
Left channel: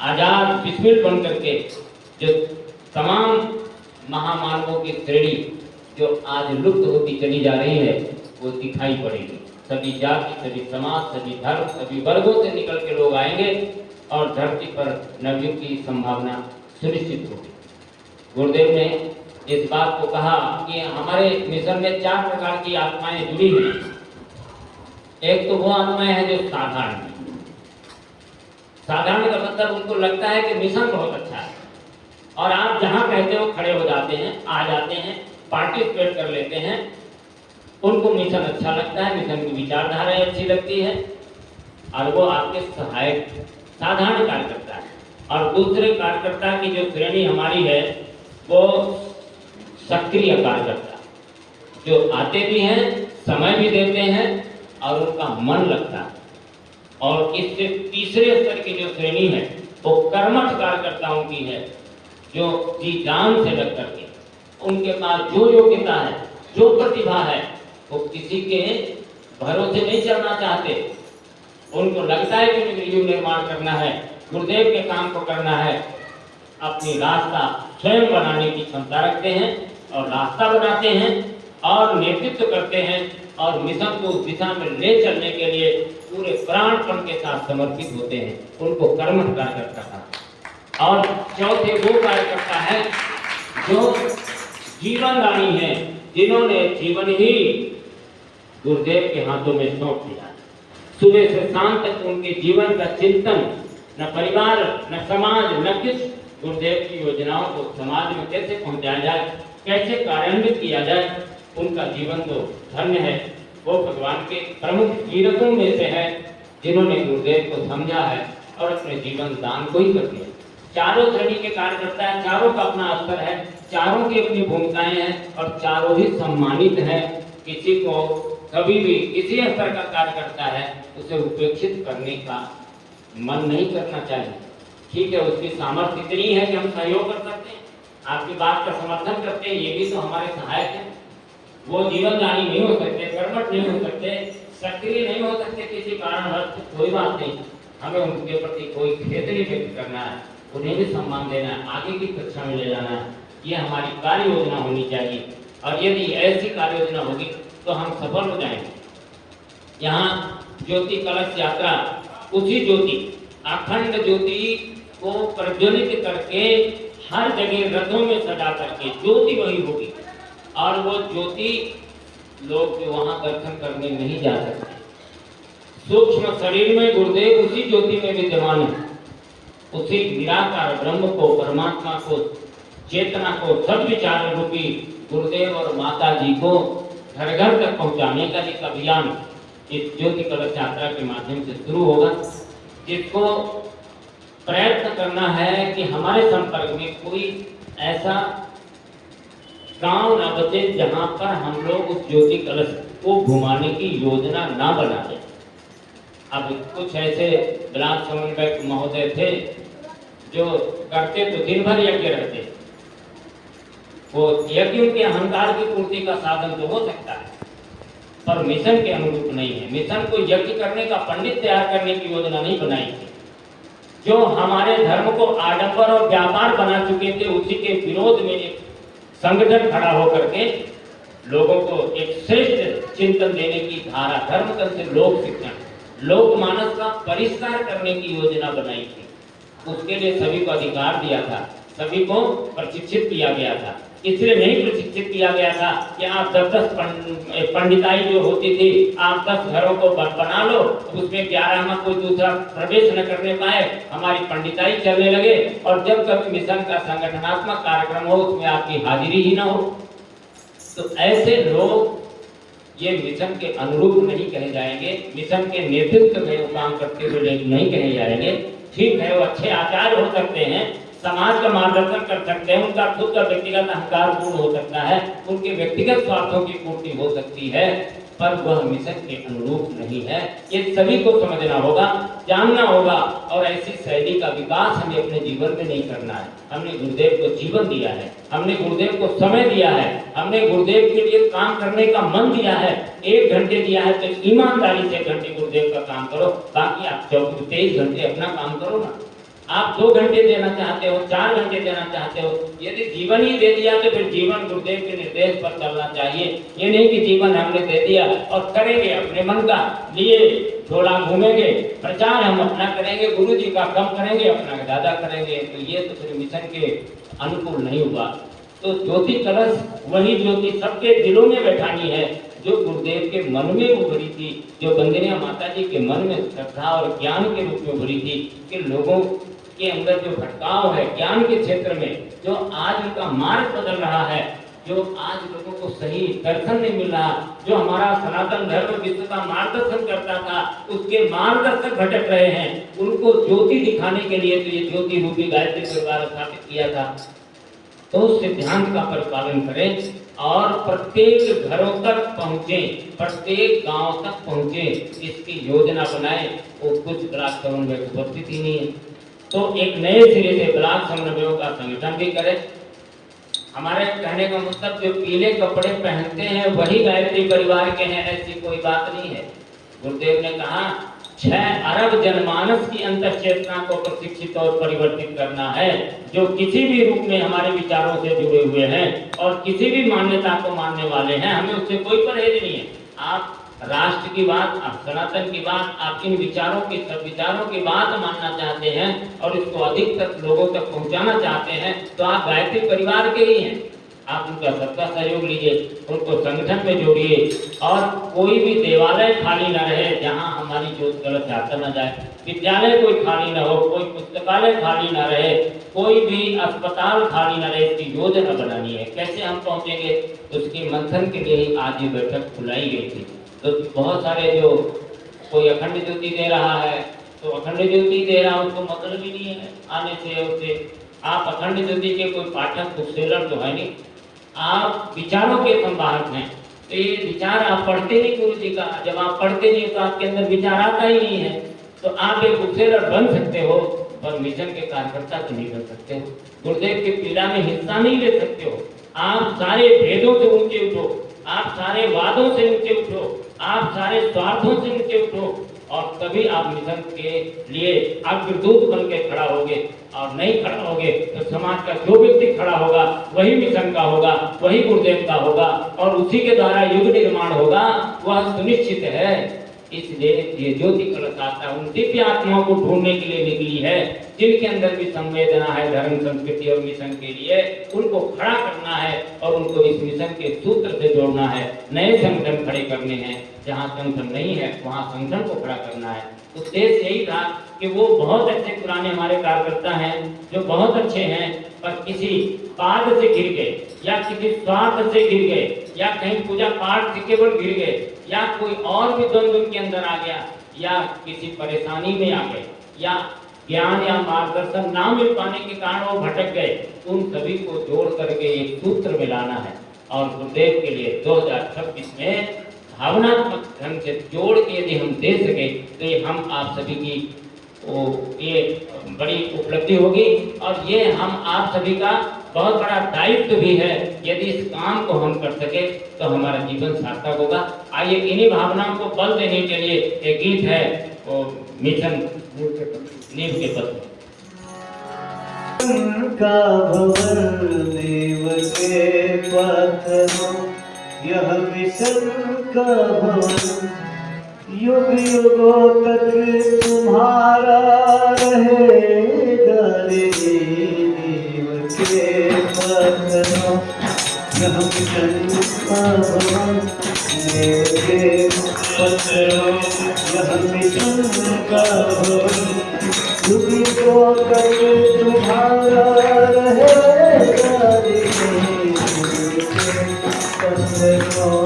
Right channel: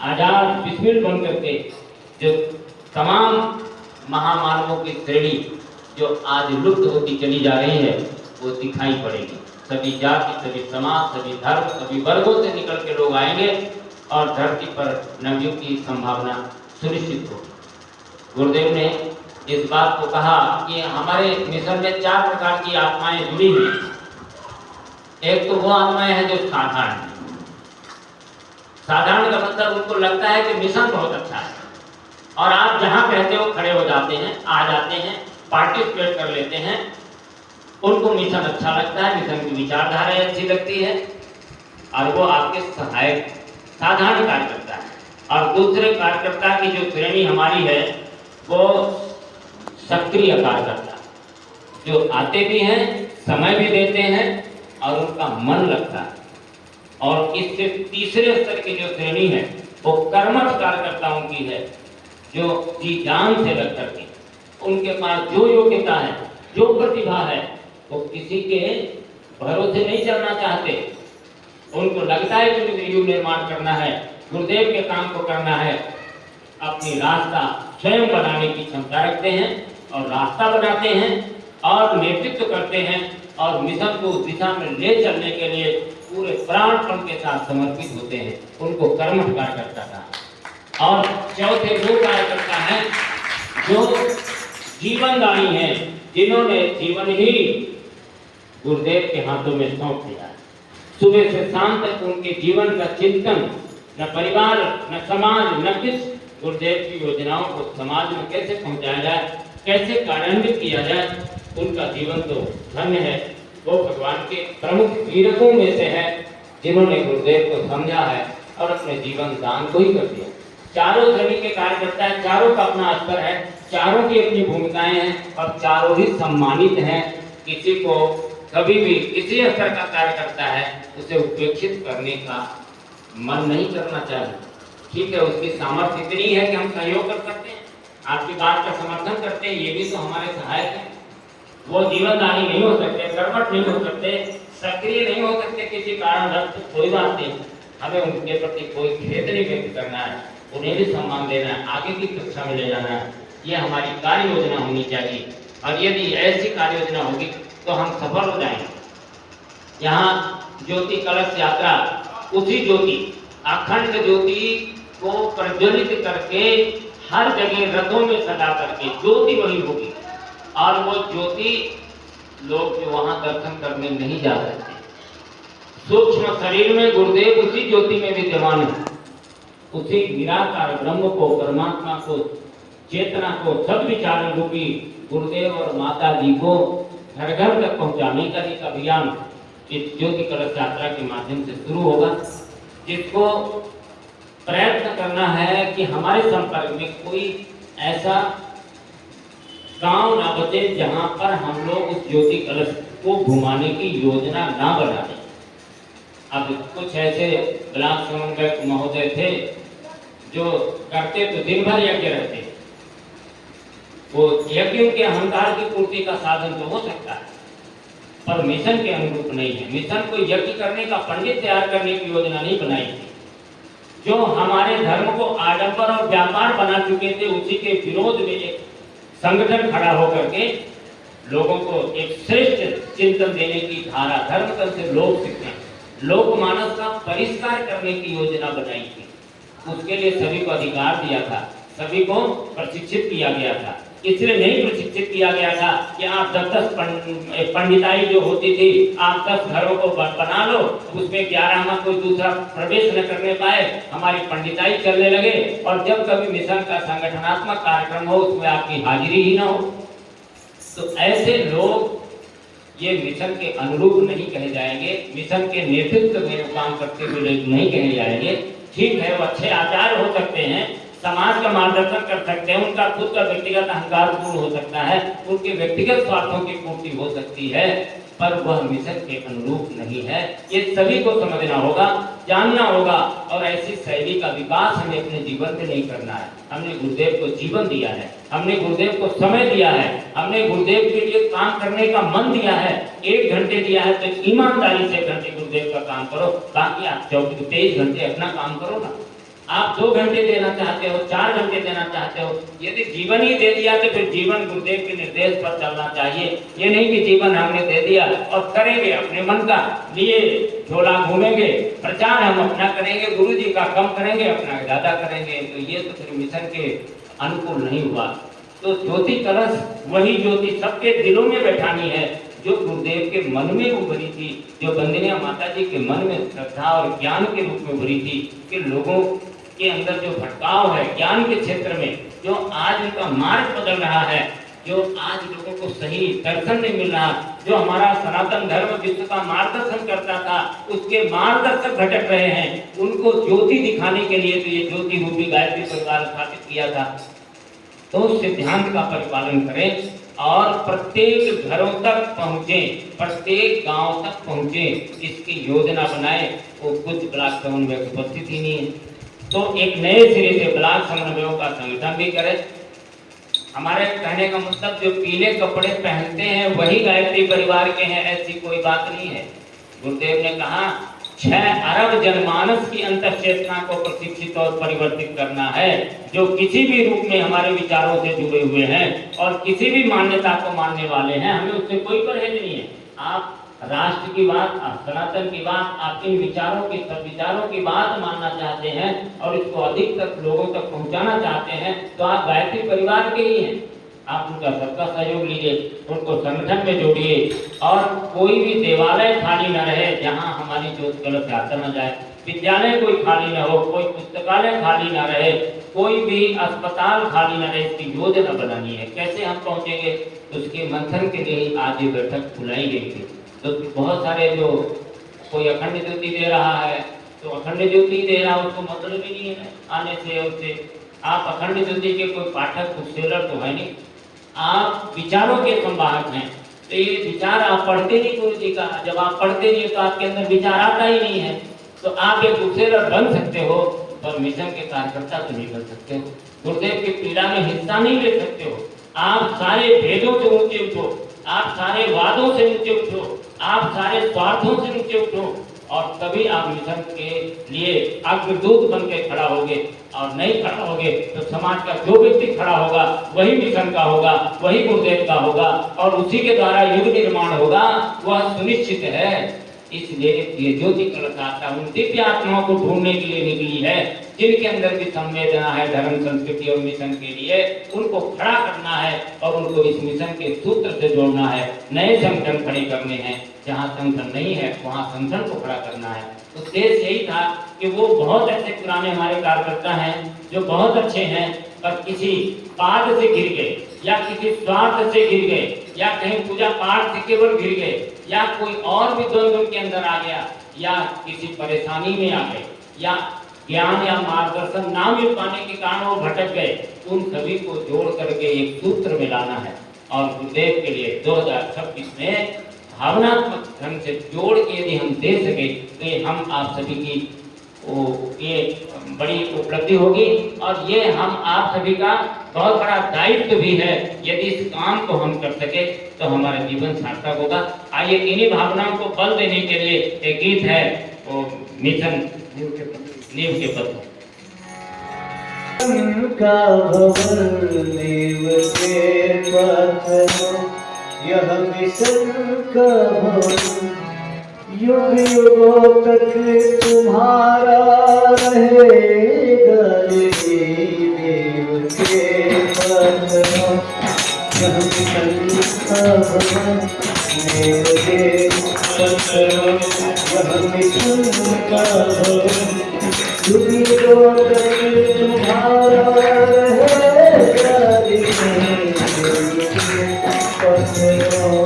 आजाद बिस्मिल बन करके, जो तमाम महामानवों की श्रेणी जो आज लुप्त होती चली जा रही है वो दिखाई पड़ेगी। सभी जाति, सभी समाज, सभी धर्म, सभी वर्गों से निकल के लोग आएंगे और धरती पर नवयुग की संभावना सुनिश्चित होगी। गुरुदेव ने इस बात को कहा कि हमारे मिशन में 4 प्रकार की आत्माएं जुड़ी हुई हैं। एक तो वो आत्माएं हैं जो साधारण है। साधारण का मतलब उनको लगता है कि मिशन बहुत अच्छा है और आप जहां कहते हो खड़े हो जाते हैं, आ जाते हैं, पार्टिसिपेट कर लेते हैं। उनको मिशन अच्छा लगता है, मिशन की विचारधारा अच्छी लगती है और वो आपके सहायक साधारण कार्यकर्ता है। और दूसरे कार्यकर्ता की जो श्रेणी हमारी है वो सक्रिय कार्यकर्ता, जो आते भी हैं, समय भी देते हैं और उनका मन लगता है। और इससे तीसरे स्तर की जो श्रेणी है वो कर्मठ कार्यकर्ताओं की है, जो जी जान से लग करके उनके पास जो योग्यता है, जो प्रतिभा है, वो किसी के भरोसे नहीं चलना चाहते। उनको लगता है कि मुझे युग निर्माण करना है, गुरुदेव के काम को करना है। अपनी रास्ता स्वयं बनाने की क्षमता रखते हैं और रास्ता बनाते हैं और नेतृत्व करते हैं और मिशन को उस दिशा में ले चलने के लिए पूरे प्राणपण के साथ समर्पित होते हैं। उनको कर्मठ कार्यकर्ता कहा। और चौथे वो कार्यकर्ता है जो जीवनदानी है, जिन्होंने जीवन ही गुरुदेव के हाथों में सौंप दिया। सुबह से शाम तक उनके जीवन का चिंतन, न परिवार, न समाज, न किस गुरुदेव की योजनाओं को समाज में कैसे पहुंचाया जाए, कैसे कार्यान्वित किया जाए, उनका जीवन तो धन्य है। वो भगवान के प्रमुख हीरकों में से है जिन्होंने गुरुदेव को समझा है और अपने जीवन दान को ही कर दिया। चारों श्रेणी के कार्यकर्ता हैं, चारों का अपना स्तर है, चारों की अपनी भूमिकाएं हैं और चारों ही सम्मानित हैं। किसी को कभी भी किसी स्तर का कार्य करता है उसे उपेक्षित करने का मन नहीं करना चाहिए। ठीक है, उसकी सामर्थ्य इतनी है कि हम सहयोग कर सकते हैं, आपकी बात का समर्थन करते हैं, ये भी तो हमारे सहायक है। वो जीवनदानी नहीं हो सकते, कर्मठ नहीं हो सकते, सक्रिय नहीं हो सकते किसी कारणवश, तो कोई बात नहीं, हमें उनके प्रति कोई खेद नहीं व्यक्त करना है, उन्हें भी सम्मान देना है, आगे की कक्षा में ले जाना है। ये हमारी कार्य योजना होनी चाहिए और यदि ऐसी कार्य योजना होगी तो हम सफल हो जाएंगे। यहाँ ज्योति कलश यात्रा, उसी ज्योति, अखंड ज्योति को प्रज्वलित करके हर जगह रथों में सजा करके ज्योति वही होगी और वो ज्योति लोग जो वहां दर्शन करने नहीं जा सकते। सूक्ष्म शरीर में गुरुदेव उसी ज्योति में विद्यमान है उसी निराकार ब्रह्म को, परमात्मा को, चेतना को, सद्विचार रूपी गुरुदेव और माता जी को घर घर तक पहुंचाने का एक अभियान इस ज्योति कलश यात्रा के माध्यम से शुरू होगा, जिसको प्रयत्न करना है कि हमारे संपर्क में कोई ऐसा गांव ना बचे जहां पर हम लोग उस ज्योति कलश को घुमाने की योजना ना बना दें। अब कुछ ऐसे ब्लॉक समन्वयक महोदय थे जो करते तो दिन भर यज्ञ रहते, वो यज्ञ के अहंकार की पूर्ति का साधन तो हो सकता है, पर मिशन के अनुरूप नहीं है। मिशन को यज्ञ करने का, पंडित तैयार करने की योजना नहीं बनाई थी। जो हमारे धर्म को आडंबर और व्यापार बना चुके थे, उसी के विरोध में एक संगठन खड़ा होकर के लोगों को एक श्रेष्ठ चिंतन देने की धारा, धर्म से लोक शिक्षण, लोकमानस का परिष्कार करने की योजना बनाई थी। उसके लिए सभी को अधिकार दिया था, सभी को प्रशिक्षित किया गया था। इसलिए नहीं प्रशिक्षित किया गया था कि आप 10-10 पंडिताई जो होती थी, आप 10 घरों को बना लो, उसमें 11 में कोई दूसरा प्रवेश न करने पाए, हमारी पंडिताई चलने लगे, और जब कभी मिशन का संगठनात्मक कार्यक्रम हो उसमें आपकी हाजिरी ही ना हो। तो ऐसे लोग ये मिशन के अनुरूप नहीं कहे जाएंगे, मिशन के नेतृत्व में वो काम करते हुए लोग नहीं कहे जाएंगे। ठीक है, वो अच्छे आचार्य हो सकते हैं, समाज का मार्गदर्शन कर सकते हैं, उनका खुद का व्यक्तिगत अहंकार पूर्ण हो सकता है, उनके व्यक्तिगत स्वार्थों की पूर्ति हो सकती है, पर वह मिशन के अनुरूप नहीं है। ये सभी को समझना होगा, जानना होगा, और ऐसी शैली का विकास हमें अपने जीवन में नहीं करना है। हमने गुरुदेव को जीवन दिया है, हमने गुरुदेव को समय दिया है, हमने गुरुदेव के लिए काम करने का मन दिया है। 1 घंटे दिया है तो ईमानदारी से 1 घंटे गुरुदेव का काम करो, बाकी आप 23 घंटे अपना काम करो ना। आप 2 घंटे देना चाहते हो, 4 घंटे देना चाहते हो, यदि जीवन ही दे दिया तो फिर जीवन गुरुदेव के निर्देश पर चलना चाहिए। ये नहीं कि जीवन हमने दे दिया और करेंगे अपने मन का, लिए झोला घूमेंगे, प्रचार हम अपना करेंगे, गुरु जी का कम करेंगे, अपना ज्यादा करेंगे, तो ये तो फिर मिशन के अनुकूल नहीं हुआ। तो ज्योति कलश वही ज्योति सबके दिलों में बैठानी है जो गुरुदेव के मन में उभरी थी, जो वंदनीय माता जी के मन में श्रद्धा और ज्ञान के रूप में उभरी थी, कि लोगों के अंदर जो भटकाव है ज्ञान के क्षेत्र में, जो आज उनका मार्ग बदल रहा है, जो आज लोगों को सही दर्शन नहीं मिल रहा, जो हमारा सनातन धर्म विश्व का मार्गदर्शन करता था, उसके मार्गदर्शक भटक रहे हैं, उनको ज्योति दिखाने के लिए तो ये ज्योति रूपी गायत्री परिवार स्थापित किया था। तो उस सिद्धांत का परिपालन करें और प्रत्येक घरों तक पहुंचे, प्रत्येक गांव तक पहुंचे, इसकी योजना बनाए। वो कुछ ब्लॉक समन्वय उपस्थित ही नहीं है, तो एक नए सिरे से ब्लॉक समन्वयों का संगठन भी करें। हमारे कहने का मतलब जो पीले कपड़े पहनते हैं वही गायत्री परिवार के हैं, ऐसी कोई बात नहीं है। गुरुदेव ने कहा 6 अरब जनमानस की अंतःचेतना को प्रशिक्षित और परिवर्तित करना है, जो किसी भी रूप में हमारे विचारों से जुड़े हुए हैं और किसी भी मान्यता को मानने वाले हैं, हमें उससे कोई परहेज नहीं है। आप राष्ट्र की बात, आप सनातन की बात, आप इन विचारों की, सब विचारों की बात मानना चाहते हैं और इसको अधिक तक लोगों तक पहुंचाना चाहते हैं, तो आप गायत्री परिवार के ही हैं। आप उनका सबका सहयोग लीजिए, उनको संगठन में जोड़िए, और कोई भी देवालय खाली न रहे जहां हमारी ज्योति कलश यात्रा न जाए, विद्यालय कोई खाली न हो, कोई पुस्तकालय खाली न रहे, कोई भी अस्पताल खाली न रहे, इसकी योजना बनानी है। कैसे हम पहुंचेंगे, उसके मंथन के लिए आज ये बैठक बुलाई गई थी। तो बहुत सारे जो कोई अखंड ज्योति दे रहा है तो अखंड ज्योति दे रहा है, उसको मतलब ही नहीं है आने से उससे। आप अखंड ज्योति के कोई पाठक, बुक सेलर तो है नहीं, आप विचारों के संवाहक हैं। तो ये विचार आप पढ़ते नहीं गुरु जी का, जब आप पढ़ते नहीं तो आपके अंदर विचार आता ही नहीं है, तो आप एक बुक सेलर बन सकते हो पर मिशन के कार्यकर्ता तो नहीं बन सकते हो, गुरुदेव की पीड़ा में हिस्सा नहीं ले सकते हो। आप सारे भेदों से ऊंचे उठो, आप सारे वादों से ऊंचे उठो, आप सारे स्वार्थों से ऊंचे उठो, और तभी आप मिशन के लिए अग्रदूत बन के खड़ा होगे। और नहीं खड़ा होगे तो समाज का जो व्यक्ति खड़ा होगा वही मिशन का होगा, वही गुरुदेव का होगा, और उसी के द्वारा युग निर्माण होगा, वह सुनिश्चित है। इसलिए ये ज्योति कलश यात्रा उन दिव्य आत्माओं को ढूंढने के लिए निकली है, जिनके अंदर भी संवेदना है धर्म, संस्कृति और मिशन के लिए, उनको खड़ा करना है और उनको इस मिशन के सूत्र से जोड़ना है। नए संगठन खड़े करने हैं, जहाँ संगठन नहीं है वहाँ संगठन को खड़ा करना है। उद्देश्य यही था कि वो बहुत अच्छे पुराने हमारे कार्यकर्ता हैं जो बहुत अच्छे हैं, पर किसी पाठ से गिर गए या किसी स्वार्थ से गिर गए या कहीं पूजा पाठ से केवल गिर गए या कोई और भी द्वंद्व उनके अंदर आ गया या किसी परेशानी में आ गए या ज्ञान या मार्गदर्शन ना मिल पाने के कारण वो भटक गए, उन सभी को जोड़ करके एक सूत्र में लाना है। और गुरुदेव के लिए 2026 में भावनात्मक ढंग से जोड़ के यदि हम दे सके तो ये हम आप सभी की ये बड़ी उपलब्धि होगी और ये हम आप सभी का बहुत बड़ा दायित्व भी है। यदि इस काम को हम कर सके तो हमारा जीवन सार्थक होगा। आइए इन्हीं भावनाओं को बल देने के लिए एक गीत है वो मिशन नींव के पद का भवन नींव के पत्थरों, यह मिशन का भवन युग युगों तक तुम्हारा रहेगा रे। नींव के पत्थरों, यह मिशन का भवन नींव के पत्थरों, यह मिशन का भवन युग युगों तक तुम्हारा रहेगा रे। नींव के पत्थरों।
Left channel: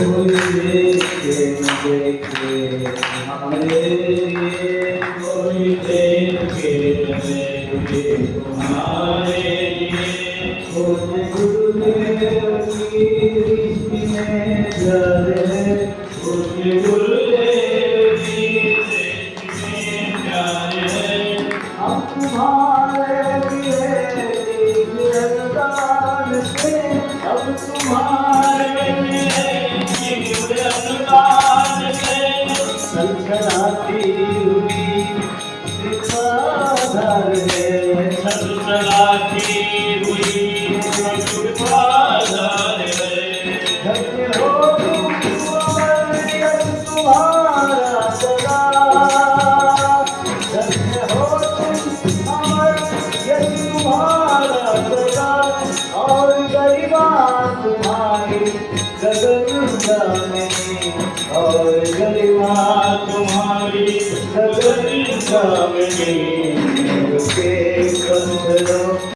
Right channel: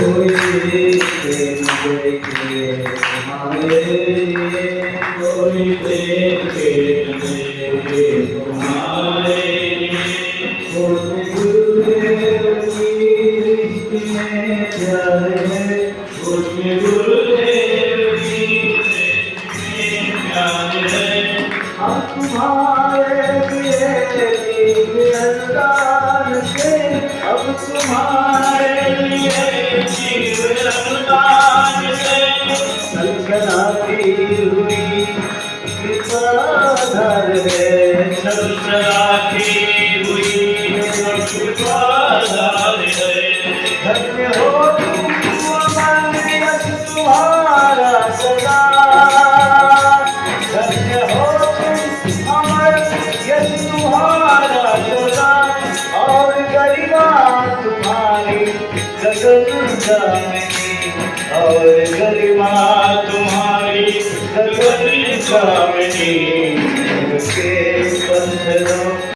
कोई देखे तुम्हारे, कोई देखे तुम्हारे, कोई गुरुदेव की दृष्टि में प्यारे, कोई गुरुदेव की दृष्टि में प्यारे। हम तुम्हारे लिए अल्लाह से, अब तुम्हारे लिए सलसलाती हुई कृपाधार है, सलसलाती हुई कृपाधार है। धन्य हो तुम अमर यश तुम्हारा सदा, धन्य हो तुम अमर यश तुम्हारा सदा, और गरिमा तुम्हारी गगन गामिनी, और गरिमा तुम्हारी गगन गामिनी। के पत्थरों